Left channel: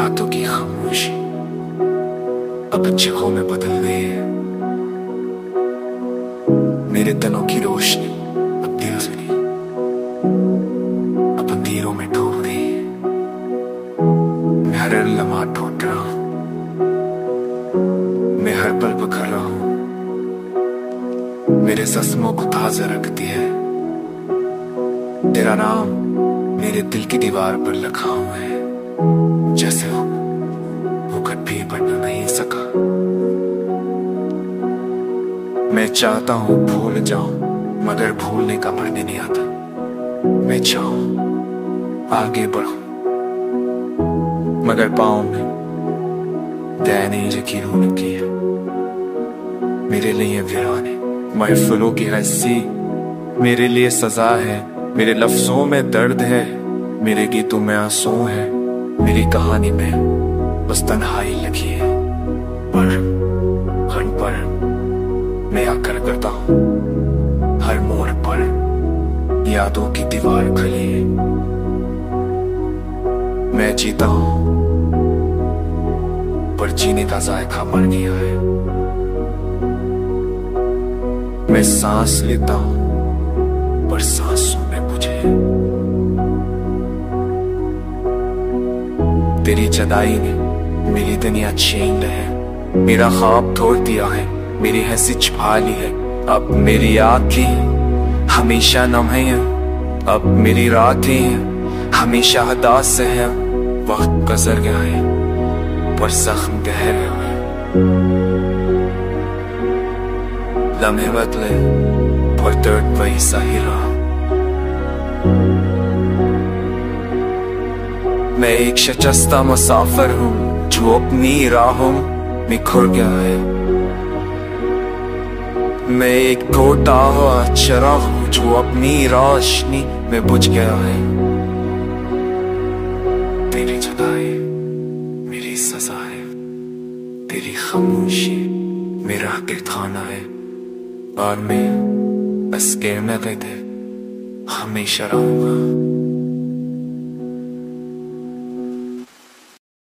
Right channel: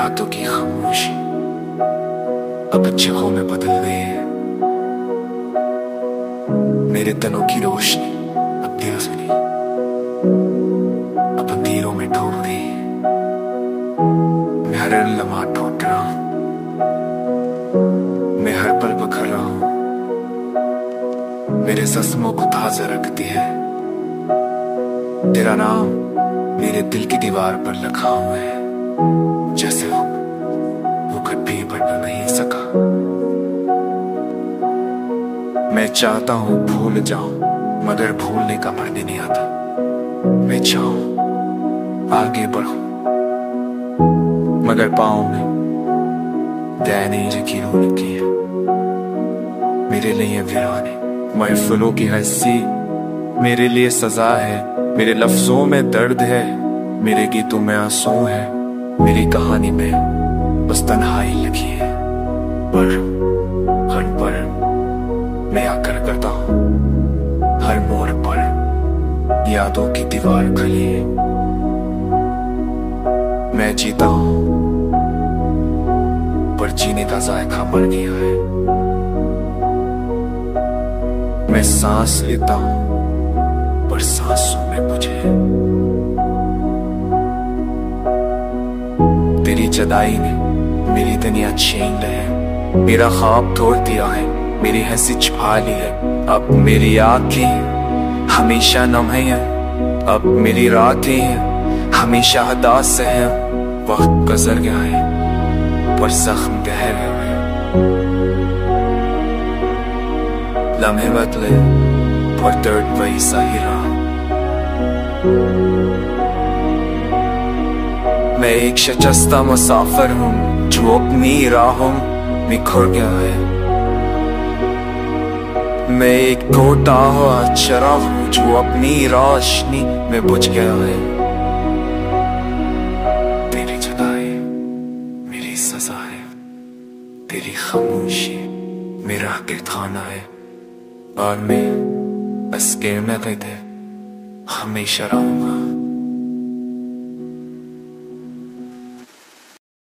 रातों की खामोशी अब जगहों में बदल गई है। मेरे तनों की रोशनी अब दिल से नहीं, अब अंधेरों में डूब गई है। मैं हर लम्हा ढूंढ रहा हूं, मैं हर पल बखर रहा हूं। मेरे जख्मों को ताजा रखती है तेरा नाम, मेरे दिल की दीवार पर लिखा हुआ है। जैसे वो कभी बढ़ नहीं सका। मैं चाहता हूं भूल जाऊं, मगर भूलने का मन नहीं आता। मैं चाहूं आगे बढ़ूं, मगर पाँव में दैनिक कीरों की है। मेरे लिए वीराने महफिलों की हंसी मेरे लिए सजा है। मेरे लफ्जों में दर्द है, मेरे गीतों में आंसू है। मेरी कहानी में बस तन्हाई लिखी है। पर हर पल मैं आकर करता हूं, हर मोड़ पर यादों की दीवार खड़ी है। मैं जीता हूं पर जीने का जायका मर गया है। मैं सांस लेता हूं पर सांसों में मुझे तेरी जुदाई ने मेरी दुनिया छीन है। मेरा ख्वाब तोड़ दिया है, मेरी हंसी छुपा ली है। अब मेरी आंखें हमेशा नम है, अब मेरी रातें हमेशा हदास से है। वक्त गुजर गया है पर जख्म गहरे हुए। लम्हे बदले पर दर्द वही सही रहा। मैं एक शिकस्ता मुसाफिर हूँ जो अपनी राहों में खो गया है। मैं एक टूटा हुआ चिराग हूँ जो अपनी रोशनी में बुझ गया है। तेरी जुदाई मेरी सजा है, तेरी खामोशी मेरा गिरथाना है। और मैं बस के में हमेशा रहूंगा।